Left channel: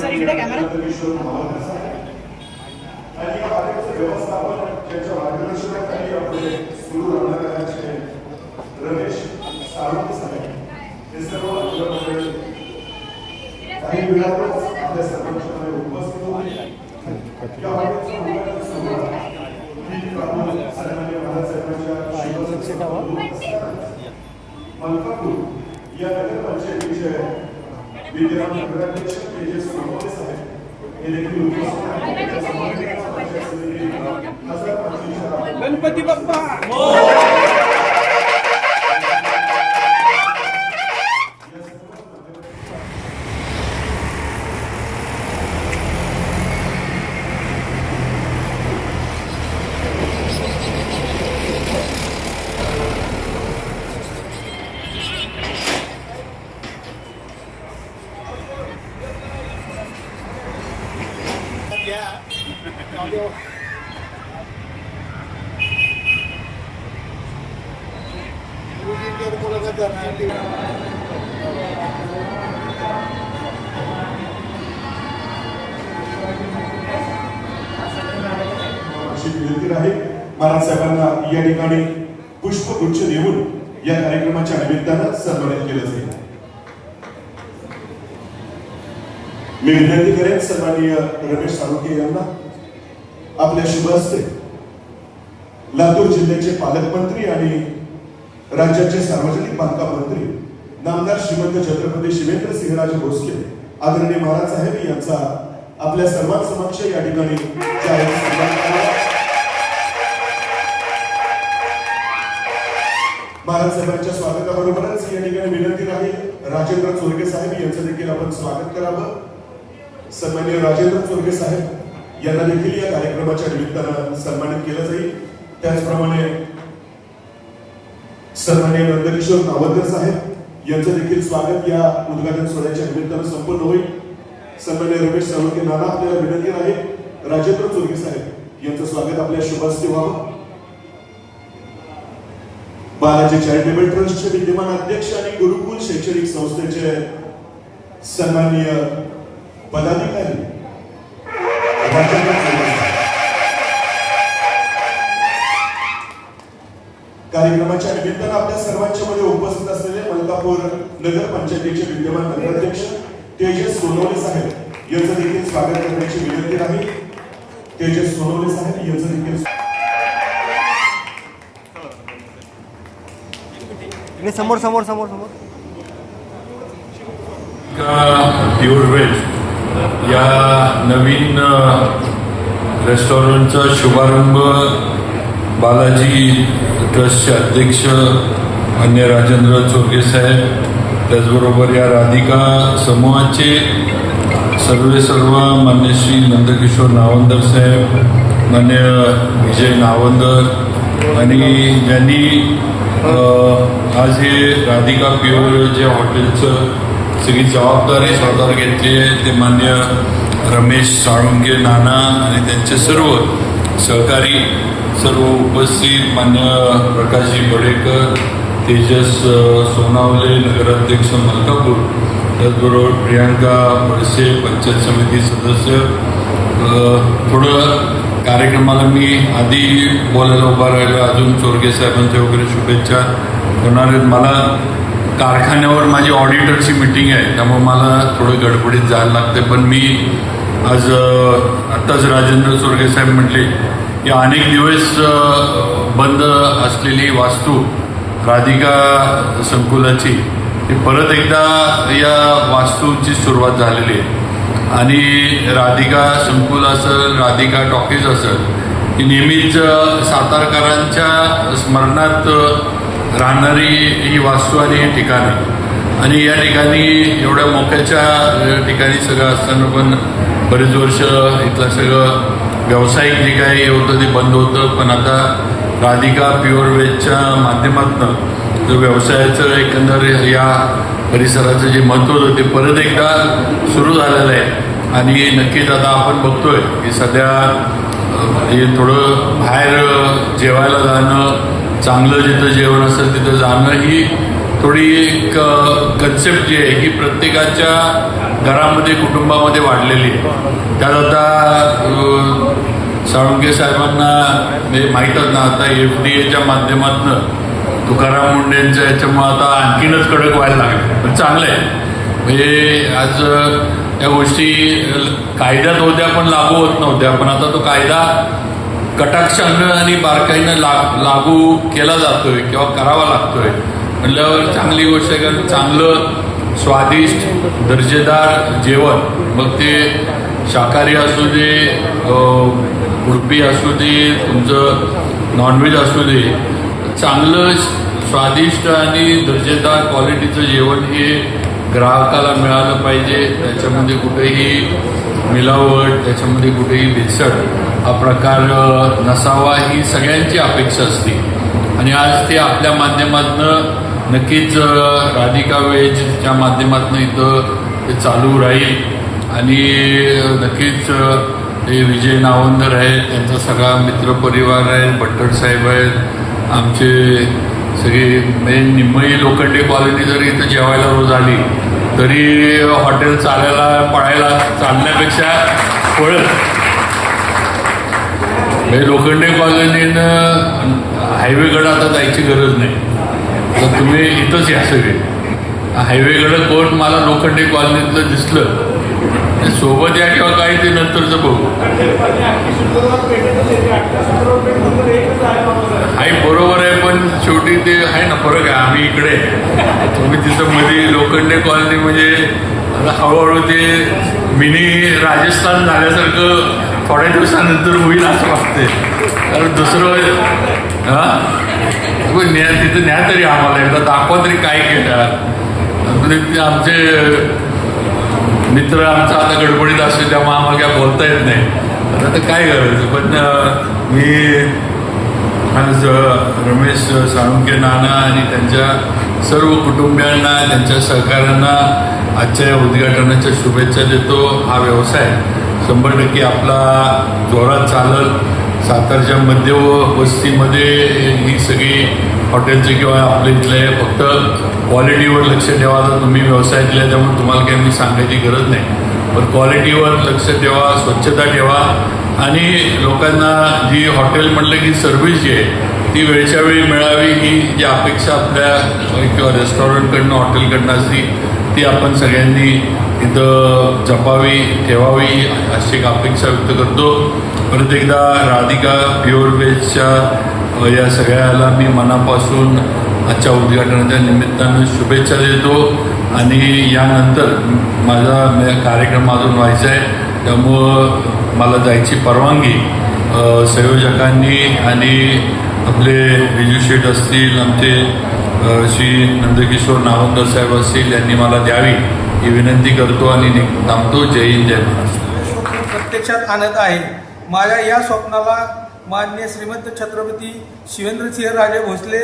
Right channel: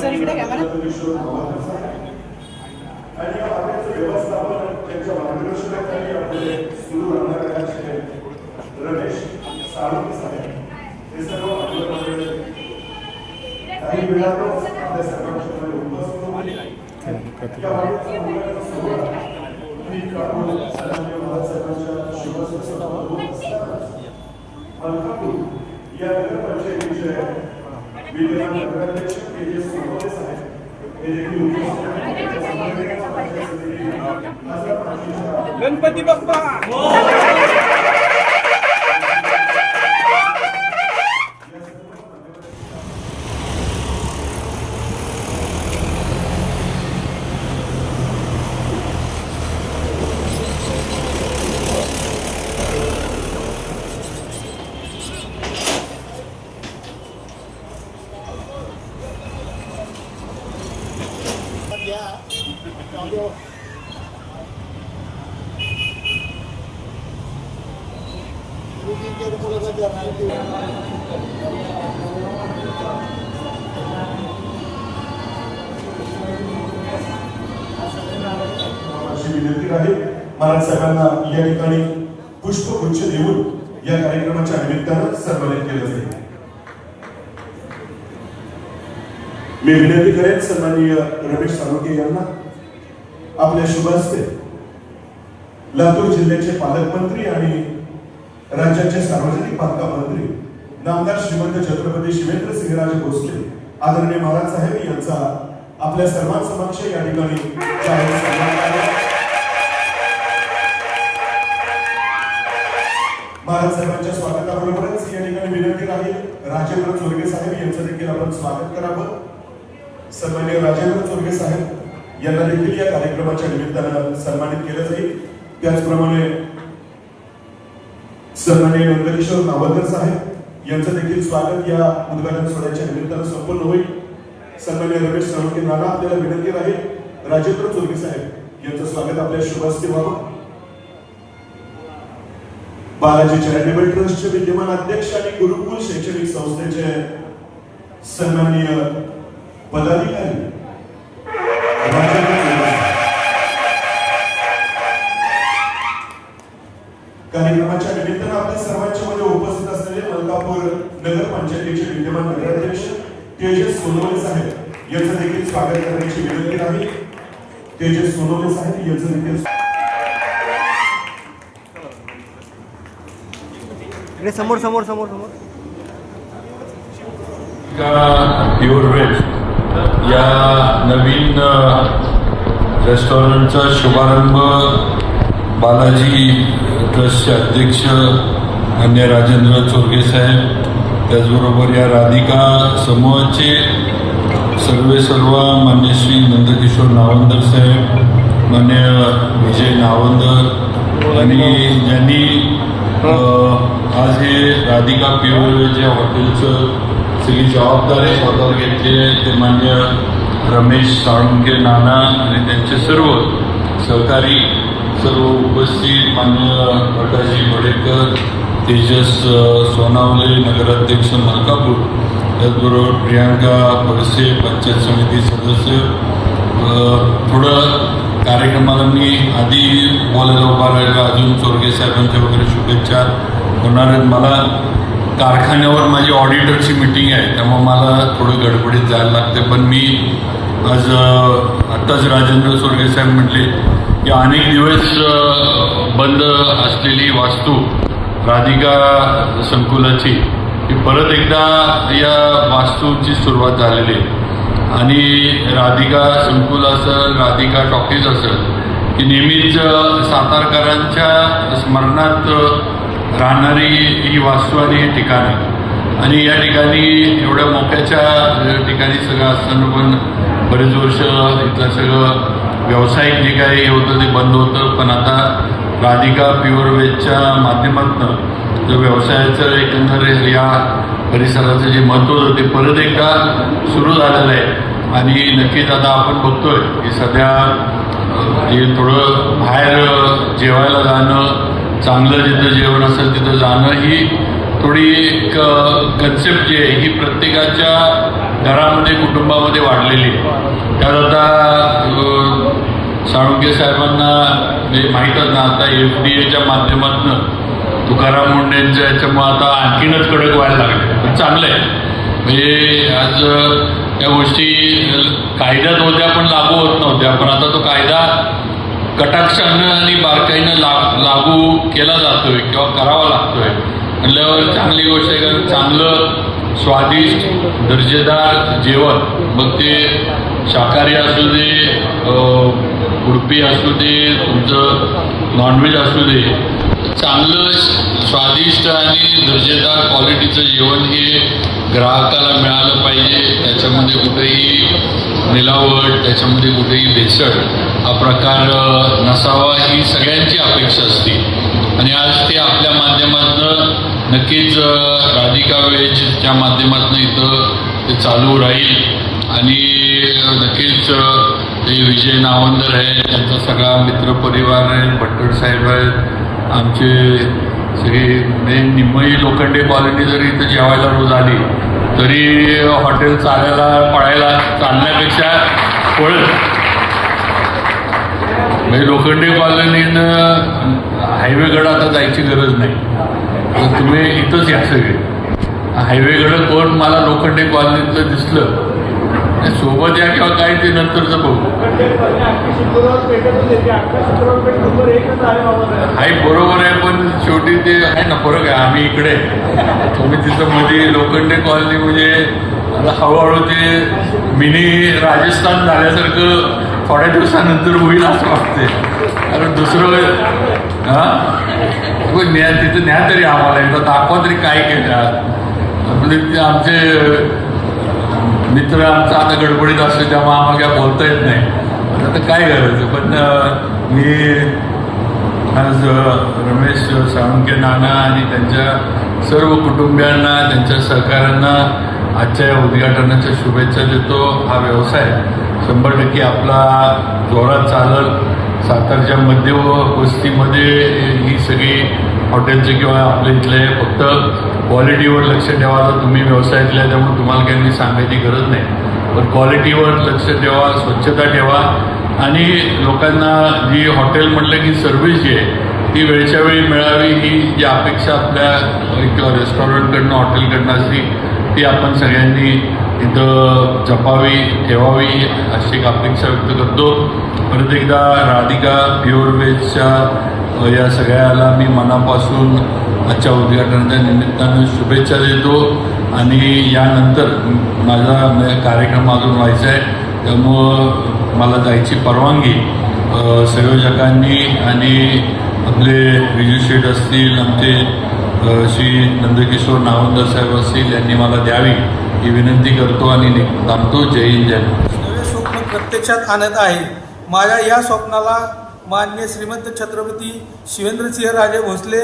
Sir इकडे camera Ramesh Salunke साहेब हे सर्व काही वेळातच आपल्या सर्वांच्या मध्ये उपस्थित होतील. या वाढीच्या मुलांना सुरुवात ही काढून सन्माननीय महाराजसाहेबांच्या शिवसंस्थेकडून मलकापूर या नगरपंचायतीचे विद्यमान नगराध्यक्ष तेजस सोनवणे साहेब हे देखील उपस्थित आहेत. त्यांच्या समवेत पंचायत समिती खासदार प्रांतिक गणपती बाप्पा विनंती आहे. महाराज साहेबांना या ठिकाणी पुष्पगुच्छ देऊन या कार्यक्रमाच्या निमित्तानं सन्मानित केलं जाईल. मी विनंती करेन सन्माननीय रमेश साळुंके यांना आपल्या शुभ हस्ते लातूर जिल्ह्याचे पालकमंत्री आणि राज्याचे सार्वजनिक बांधकाम मंत्री नामदार श्रीमंत छत्रपती शिवेंद्र सिंहराजे भोसले आदरणीय महाराज साहेब यांचा आपल्या सर्वांसमक्ष या ठिकाणी जाहीर सन्मान केला. महाराज साहेबांच्या स्वागताबरोबरच या ठिकाणी विनंती राहील राजेंद्र चोरगे साहेब यांचं देखील आपण स्वागत करावं. सन्माननीय राजेंद्र चोरगे साहेब यांना देखील या कार्यक्रमाच्या निमित्तानं सन्मानित केलं जाईल. त्याचप्रमाणे सन्माननीय नंदकिशोर नावलकर साहेब यांचं देखील स्वागत या उद्घाटन सोहळ्याच्या निमित्तानं संपन्न होईल. सन्माननीय रमेश साळुंके यांना आपल्याला विनंती राहील राजेंद्र चोरगे साहेब यांचं स्वागत आपल्या शुभ हस्ते व्हावं. बालाजी चॅरिटेबल ट्रस्टचे विद्यमान अध्यक्ष आणि गुरुकुल शैक्षणिक संस्थेचे सन्माननीय पदाधिकारी कार्यक्रमाच्या निमित्तानं आपल्या सर्वांच्या मध्ये उपस्थित असलेले मलकापूर नगर पंचायतीचे विद्यमान नगराध्यक्ष तेजस सोनवणे साहेब यांचं देखील स्वागत करण्याची विनंती आहे. तेजस सोनवणे साहेब यांचं देखील समोर समोर समोर समोर प्युअर वेज या नवीन रेस्टॉरंटचा शुभारंभ बालाजी ट्रस्टचे अध्यक्ष अन्य राजेंद्र चोरगे साहेब त्याचबरोबर या राधिका समूहाचे सर्व मान्य श्री नंदकिशोर नावंदर साहेब मान्य विजय नावंदर आणि ज्यांनी आज हे राधिका प्युअर वेज या हॉटेलचं सगळी जबाबदारी स्वतःवर घेतली आहे ते मान्य रमेश साळुंके नाना आणि त्यांचे सर्व सहकारी सर्व उपस्थित मान्य प्रकाशजी बडेकर तेजस सोनावले नगराध्यक्ष मलकापूर त्याचबरोबर प्रियांका बडसे पंचायत समिती सदस्य. थोडं कार्यक्रमाला मी आधी बोलायला उभा राहिलो अजून चोरगे साहेबांच्या वगैरे शुभेच्छा होणार आहेत. मला कारखान्यावर माझी ऑडिटरची मीटिंग आहे त्यामुळे मला थोडं गडबडीत जायला लागते पण मी आज आत्ताच राजेंद्र चोरगे साहेब म्हटले की अनेक दिवस बंद असलेली वास्तू राधिका संकुलाची ही परत एकदा या वास्तूची सुरुवात झालेली आहे आणि राधिका संकुल असेल राधिका टॉकीज असेल ही नेहमीच सातारकरांच्या स्मरणात राहणारी ही वास्तू आणि हे ठिकाण आहे आणि या ठिकाणी एवढ्या मोक्याच्या ठिकाणी सगळं असताना पण बरेच वर्ष इथलं सगळं व्यावसायिक जे काही होतं ते बंद होतं पण आता राधिका प्युअर वेजच्या माध्यमातून जो व्यवसायाचं एकंदर या परिसराचं जे महत्त्व होतं ते परत एकदा सुरू झालेलं आहे आणि नक्कीच आता आपण बघतोय की सध्या हे थोडं बाहेर जेवायला जाणं चांगलं जिथं जेवण असेल तिथं जाणं ही थोडी एक कन्सेप्ट जी आहे ही प्रत्येकाच्या घरामध्ये कुटुंबामध्ये वाढली वाढलेली आहे. त्यात आता साळुंखे साहेबांना माहीतच ना, आता FDA माध्यमातून तुकाराम मुंडेंच्या याच्यामुळं आता आणखीनच कडक व्हायला लागले. पण चांगलं आहे म्हणजे आज त्या गोष्टी कायद्यात होत्या पण लागू होत नव्हत्या, पण आता तो कायदा कटाक्षानं आणि बारकाईनं लागू केला जातोय किंवा करावा लागतोय म्हणल्यावर चांगली गोष्ट आहे. कारण चांगलं स्वादिष्ट दर्जेदार जेवण, मग ते शाकाहारी असू दे, उडपी असू दे, तुमचं नॉनव्हेज असू दे, चांगलं स्वादिष्ट आणि दर्जेदार क्वालिटीचं जेवण हे ग्राहकाला मिळालं पाहिजे. त्याच्यामध्ये कुठेही मिलावट, त्याच्यामध्ये कुठेही भेसळ हा प्रकार नसावा ही सगळ्यांची अपेक्षा असते. आणि आज ते आपल्या माध्यमातून नक्कीच राधिका वेजच्या माध्यमातून इथं ते चालू राहील. आणि नक्कीच ते विजय नावंदर आहेत, त्यांचा सगळा मित्रपरिवार आहे, भट्टर साहेब आहेत, आमचे सगळे निम्मई लोखंडे कॉलनी जरी इथं जेवायला रोज आली तरी हॉटेल चालायला पळायला चालण्यापेक्षा पळत. लोखंडे कॉलनीनं हायवेकडं आता जायची गरज नाही, तर तुम्ही इथंच या सगळे. हायवेकडं कोण मला लोखंडे कॉलनीतलं दिसलं सोबत या किंवा काही ते नंतरचं बघू. आहे बरोबर आहे, पण शेवटी ते आहे ना फरक आहे. आम्ही इकडे तुम्ही तिथं मध्ये लोखंडे कॉलनी म्हणजे आता हळूहळू ते मिनी राजस्थान झाल्यासारखं थोड्या दिवसानंतर होईल असं वाटतंय. कारण दुसरं तिथं न्या तरी आम्हाला एकदा दाखवा तरी काय केलं. आमचे मित्र आमचा आता गडबडीत असतो त्यामुळे आम्हाला काय बोलता येत नाही, आता काय करायचं. पण मी आज रमेश साळुंखे नाना आणि त्यांच्या सर्व कुटुंबियांना, त्यांच्या सहकाऱ्यांना आजच्या या उद्घाटनाच्या शुभेच्छा देतो. हा व्यवसाय 100% आपला जोरात चालत सातारच्या मध्य वस्तीमध्ये ही सगळी हॉटेलचे किंवा आपल्या इथले फक्त क्वालिटीवर लक्ष ठेवा. तर तुम्ही व्यवसायातले त्यामुळे तुम्हाला काही मी सांगायची गरज नाही, पण क्वालिटीवर लक्ष ठेवा, स्वच्छता ठेवा आणि लोकांना जी हॉटेल म्हटलं की सर्व्हिस जी आहे ती वेळच्या वेळी मिळावी ही जी अपेक्षा आपल्या किंवा रेस्टॉरंटकडनं हॉटेलकडनं असती ती आपण सगळ्यांनी इथं जपावी, ठेवावी अशी एक अपेक्षा व्यक्त करतो. परत एकदा राधिका प्युअर व्हेजच्या या सगळ्याला मी मनापासून आजच्या उद्घाटनाच्या निमित्तानं शुभेच्छा देतो. आणि यानंतर माझा कार्यक्रम अजून व्हायचा आहे, त्यामुळं मला जायची परवानगी संयोजकांनी आणि आपले विजू शेठ असतील, आमचे श्री नंदकिशोर नावंदर साहेब असतील यांनी मला द्यावी ही विनंती करतो आणि थांबतो. जय हिंद, जय महाराष्ट्र. प्रत्यक्षात आणत आहे. माझ्या या स्वप्नाला माननीय श्रीमंत छत्रपती शिवेंद्रसिंहराजे भोसले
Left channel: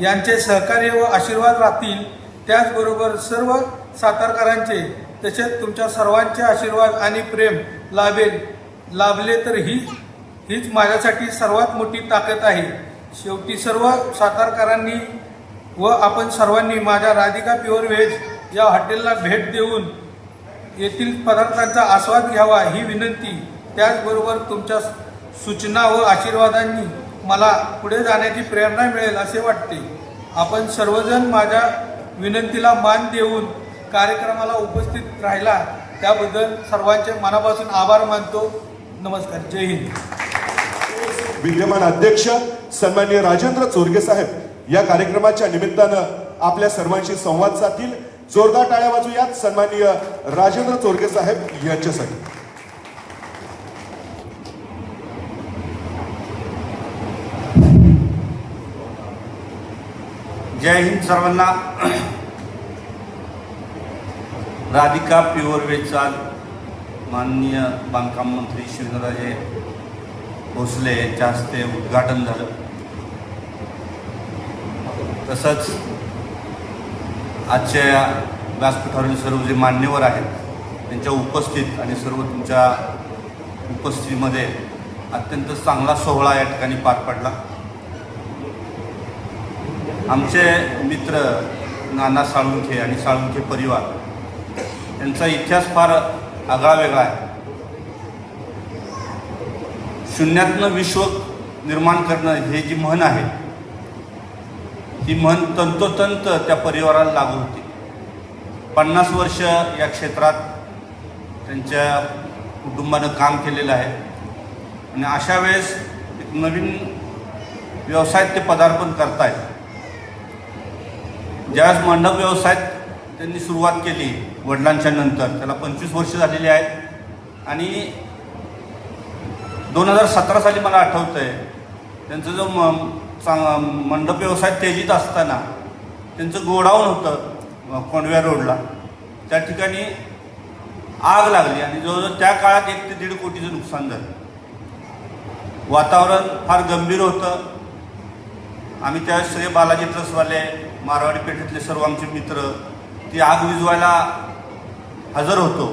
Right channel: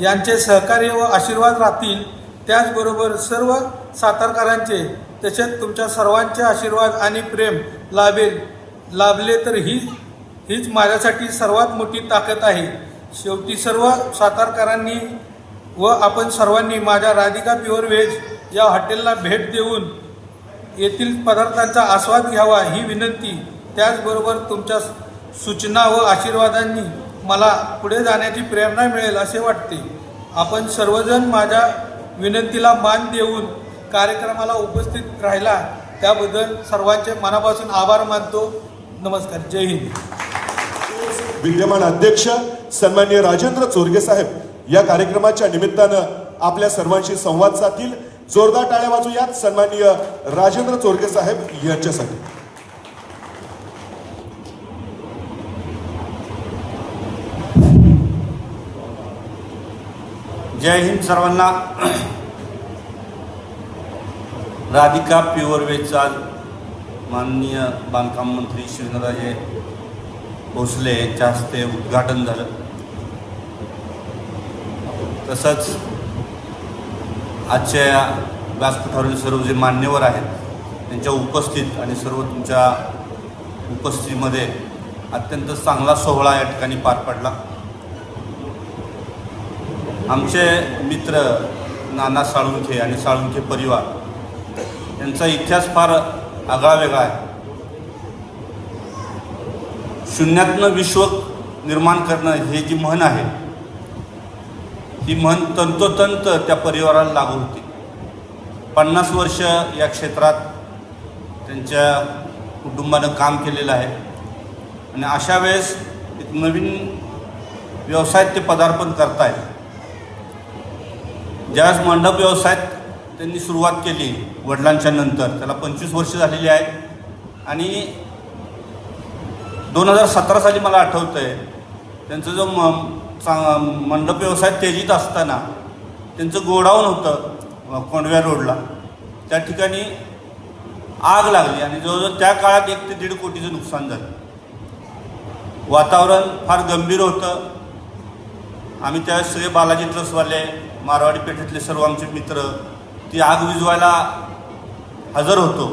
यांचे सहकार्य व आशीर्वाद राहतील. त्याचबरोबर सर्व सातारकरांचे तसेच तुमच्या सर्वांचे आशीर्वाद आणि प्रेम लाभले तर हीच माझ्यासाठी सर्वात मोठी ताकद आहे. शेवटी सर्व सातारकरांनी व आपण सर्वांनी माझ्या राधिका प्युअर व्हेज या हॉटेलला भेट देऊन येथील पदार्थांचा आस्वाद घ्यावा ही विनंती. त्याचबरोबर तुमच्या सूचना व आशीर्वादांनी मला पुढे जाण्याची प्रेरणा मिळेल असे वाटते. आपण सर्वजण माझ्या विनंतीला मान देऊन कार्यक्रमाला उपस्थित राहिला त्याबद्दल सर्वांचे मनापासून आभार मानतो. नमस्कार. जय हिंद. विद्यमान अध्यक्ष सन्माननीय राजेंद्र चोरगे साहेब या कार्यक्रमाच्या निमित्तानं आपल्या सर्वांशी संवाद साधतील. जोरदार टाळ्या वाजूयात सन्माननीय राजेंद्र चोरगे साहेब यांच्यासाठी. जय हिंद सर्वांना. राधिका प्युअर व्हेजचा माननीय बांधकाम मंत्री शिवेंद्रराजे भोसले यांच्या हस्ते उद्घाटन झालं. तसंच आजच्या व्यासपीठावरील सर्व जे मान्यवर आहेत त्यांच्या उपस्थित आणि सर्व तुमच्या उपस्थितीमध्ये अत्यंत चांगला सोहळा या ठिकाणी पार पडला. आमचे मित्र नाना साळुंखे आणि साळुंखे परिवार यांचा इतिहास फार आगळा वेगळा आहे. शून्यातनं विश्व निर्माण करणं हे जी म्हण आहे, ही म्हण तंतोतंत त्या परिवाराला लागू होती. 50 वर्ष या क्षेत्रात त्यांच्या कुटुंबानं काम केलेलं आहे आणि अशा वेळेस एक नवीन व्यवसायात ते पदार्पण करतायत. ज्यावेळेस मंडप व्यवसायात त्यांनी सुरुवात केली वडिलांच्या नंतर, त्याला 25 वर्ष झालेली आहेत आणि 2017 साली मला आठवतं आहे त्यांचं जो मंडप व्यवसाय तेजीत असताना त्यांचं गोडाऊन होतं कोंडव्या रोडला, त्या ठिकाणी आग लागली आणि जवळजवळ त्या काळात 1 ते 1.5 कोटीचं नुकसान झालं. वातावरण फार गंभीर होतं. आम्ही त्यावेळेस सगळे बालाजी ट्रस्टवाले, मारवाडी पेठेतले सर्व आमचे मित्र ती आग विझवायला हजर होतो.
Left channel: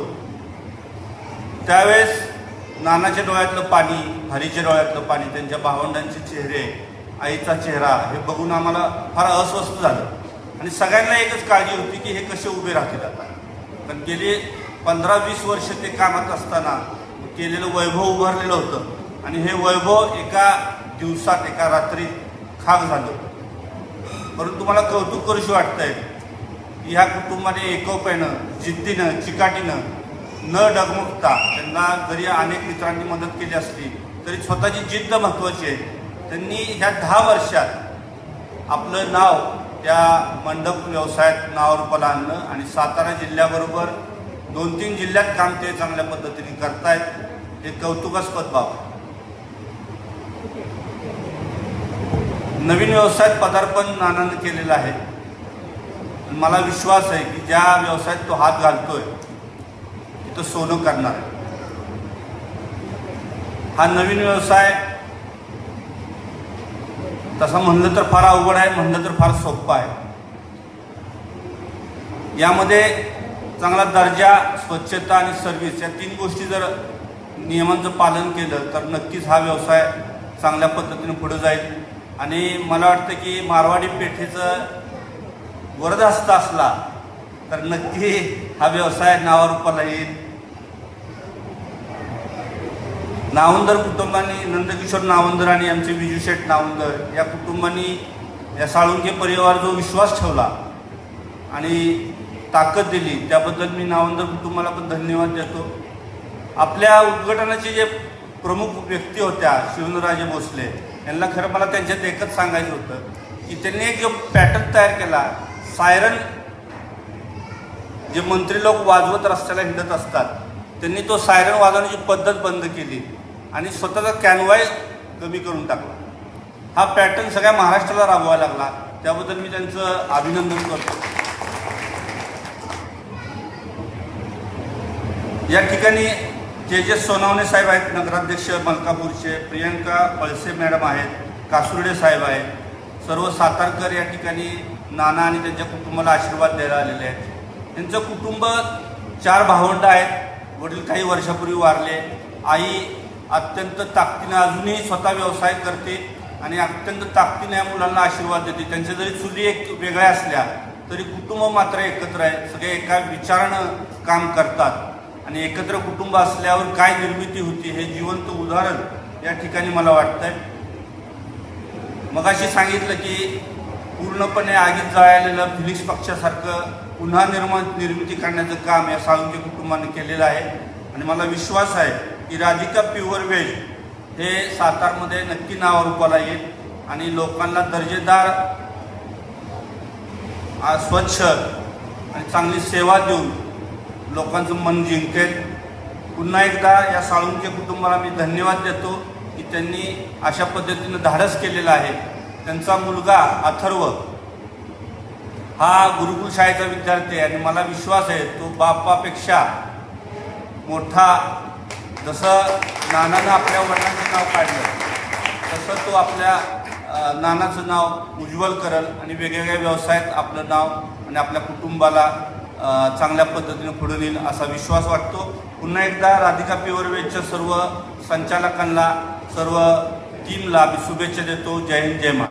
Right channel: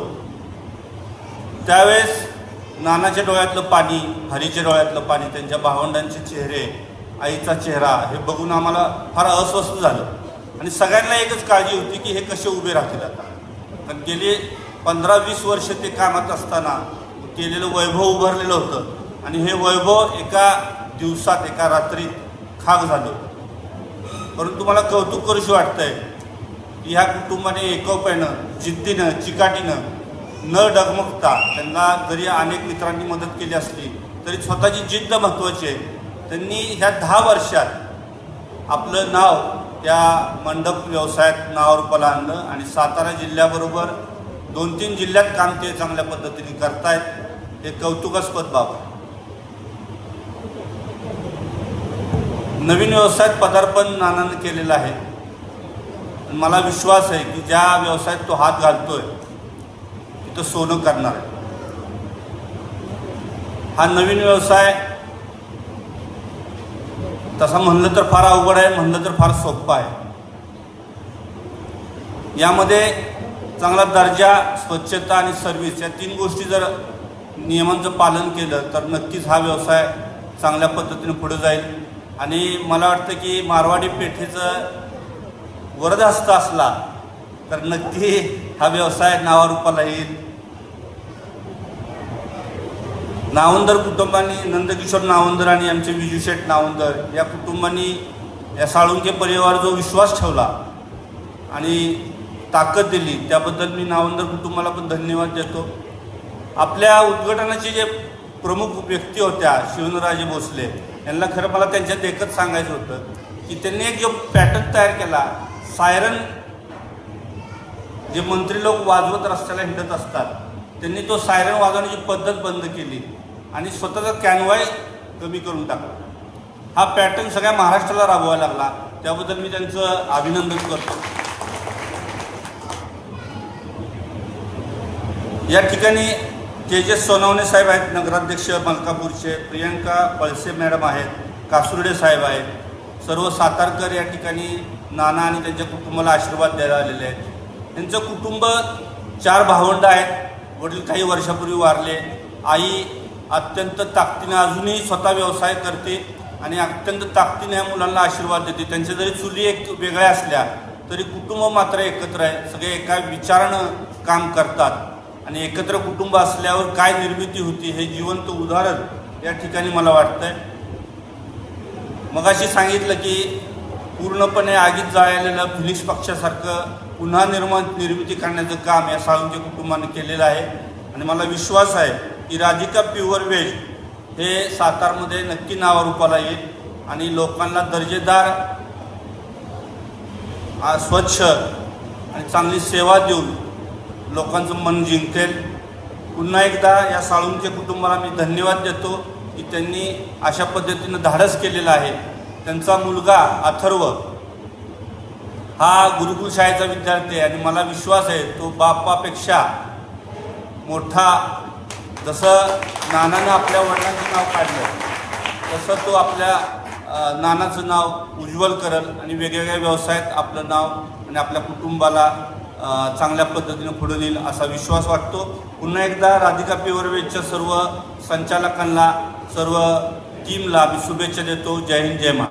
त्यावेळेस नानाच्या डोळ्यातलं पाणी, हरीच्या डोळ्यातलं पाणी, त्यांच्या भावंडांचे चेहरे, आईचा चेहरा हे बघून आम्हाला फार अस्वस्थ झालं आणि सगळ्यांना एकच काळजी होती की हे कसे उभे राहतील आता. कारण गेली 15-20 वर्ष ते कामात असताना केलेलं वैभव उभारलेलं होतं आणि हे वैभव एका दिवसात, एका रात्रीत खाक झालं. परंतु मला कौतुक करूशी वाटतंय की ह्या कुटुंबाने एकोप्यानं, जिद्दीनं, चिकाटीनं, न डगमगता, त्यांना जरी अनेक मित्रांनी मदत केली असली तरी स्वतःची जिद्द महत्त्वाची आहे. त्यांनी ह्या 10 वर्षात आपलं नाव त्या मंडप व्यवसायात नावारूपाला आणलं आणि सातारा जिल्ह्याबरोबर 2-3 जिल्ह्यात काम ते चांगल्या पद्धतीने करतायत. हे कौतुकास्पद बाब. नवीन व्यवसायात पदार्पण नानानं केलेलं आहे. मला विश्वास आहे की ज्या व्यवसायात तो हात घालतोय तिथं सोनं करणार आहे. हा नवीन व्यवसाय तसं म्हणलं तर फार अवघड आहे, म्हणलं तर फार सोपं आहे. यामध्ये चांगला दर्जा, स्वच्छता आणि सर्व्हिस या 3 गोष्टी जर नियमांचं पालन केलं तर नक्कीच हा व्यवसाय चांगल्या पद्धतीने पुढे जाईल. आणि मला वाटतं की मारवाडी पेठेचं वरदहस्त असला तर नक्की हा व्यवसाय नावारूपाला येईल. नावंदर कुटुंबांनी, नंदकिशोर नावंदर आणि आमचे विजूशेठ नावंदर या कुटुंबांनी, या साळुंके परिवार जो विश्वास ठेवला आणि ताकद दिली त्याबद्दल मी नावंदर कुटुंबाला पण धन्यवाद देतो. आपल्या उद्घाटनाचे जे प्रमुख व्यक्ती होत्या शिवेंद्रराजे भोसले यांना खरं मला त्यांच्यात एकच सांगायचं होतं की त्यांनी एक जो पॅटर्न तयार केला, सायरन जे मंत्री लोक वाजवत रस्त्याला हिंडत असतात, त्यांनी तो सायरन वाजवण्याची पद्धत बंद केली आणि स्वतःचा कॅनवाय कमी करून टाकला. हा पॅटर्न सगळ्या महाराष्ट्राला राबवायला लागला. त्याबद्दल मी त्यांचं अभिनंदन करतो. या ठिकाणी तेजस सोनवणे साहेब आहेत, नगराध्यक्ष मलकापूरचे, प्रियंका पळसे मॅडम आहेत, कासुर्डे साहेब आहेत, सर्व सातारकर या ठिकाणी नाना आणि त्यांच्या कुटुंबाला आशीर्वाद द्यायला आलेले आहेत. त्यांचं कुटुंब 4 भावंड आहेत. वडील काही वर्षापूर्वी वारले. आई अत्यंत ताकदीने अजूनही स्वतः व्यवसाय करते आणि अत्यंत ताकदीने या मुलांना आशीर्वाद देते. त्यांच्या जरी चुली एक वेगळ्या असल्या तरी कुटुंब मात्र एकत्र आहे. सगळे एका विचारानं काम करतात आणि एकत्र कुटुंब असल्यावर काय निर्मिती होती हे जिवंत उदाहरण या ठिकाणी मला वाटतंय. मगाशी सांगितलं की पूर्णपणे आगीत जळालेलं फिनिक्स पक्षासारखं पुन्हा निर्मिती करण्याचं काम या साळुंके कुटुंबाने केलेलं आहे आणि मला विश्वास आहे की राधिका प्युअर व्हेज हे सातारमध्ये नक्की नावारूपाला येईल आणि लोकांना दर्जेदार, स्वच्छ आणि चांगली सेवा देऊन लोकांचं मन जिंकेल. पुन्हा एकदा या साळुंके कुटुंबाला मी धन्यवाद देतो की त्यांनी अशा पद्धतीनं धाडस केलेलं आहे. त्यांचा मुलगा अथर्व हा गुरुकुल शाळेचा विद्यार्थी आहे आणि मला विश्वास आहे तो बापापेक्षा मोठा. जसं नानानं आपल्या वडिलांचं नाव काढलं तसं तो आपल्या नानाचं नाव उज्ज्वल करेल आणि वेगवेगळ्या व्यवसायात आपलं नाव आणि आपल्या कुटुंबाला चांगल्या पद्धतीने पुढे नेईल असा विश्वास वाटतो. पुन्हा एकदा राधिका प्युअर व्हेजच्या सर्व संचालकांना, सर्व टीमला मी शुभेच्छा देतो. जय हिंद, जय महाराष्ट्र.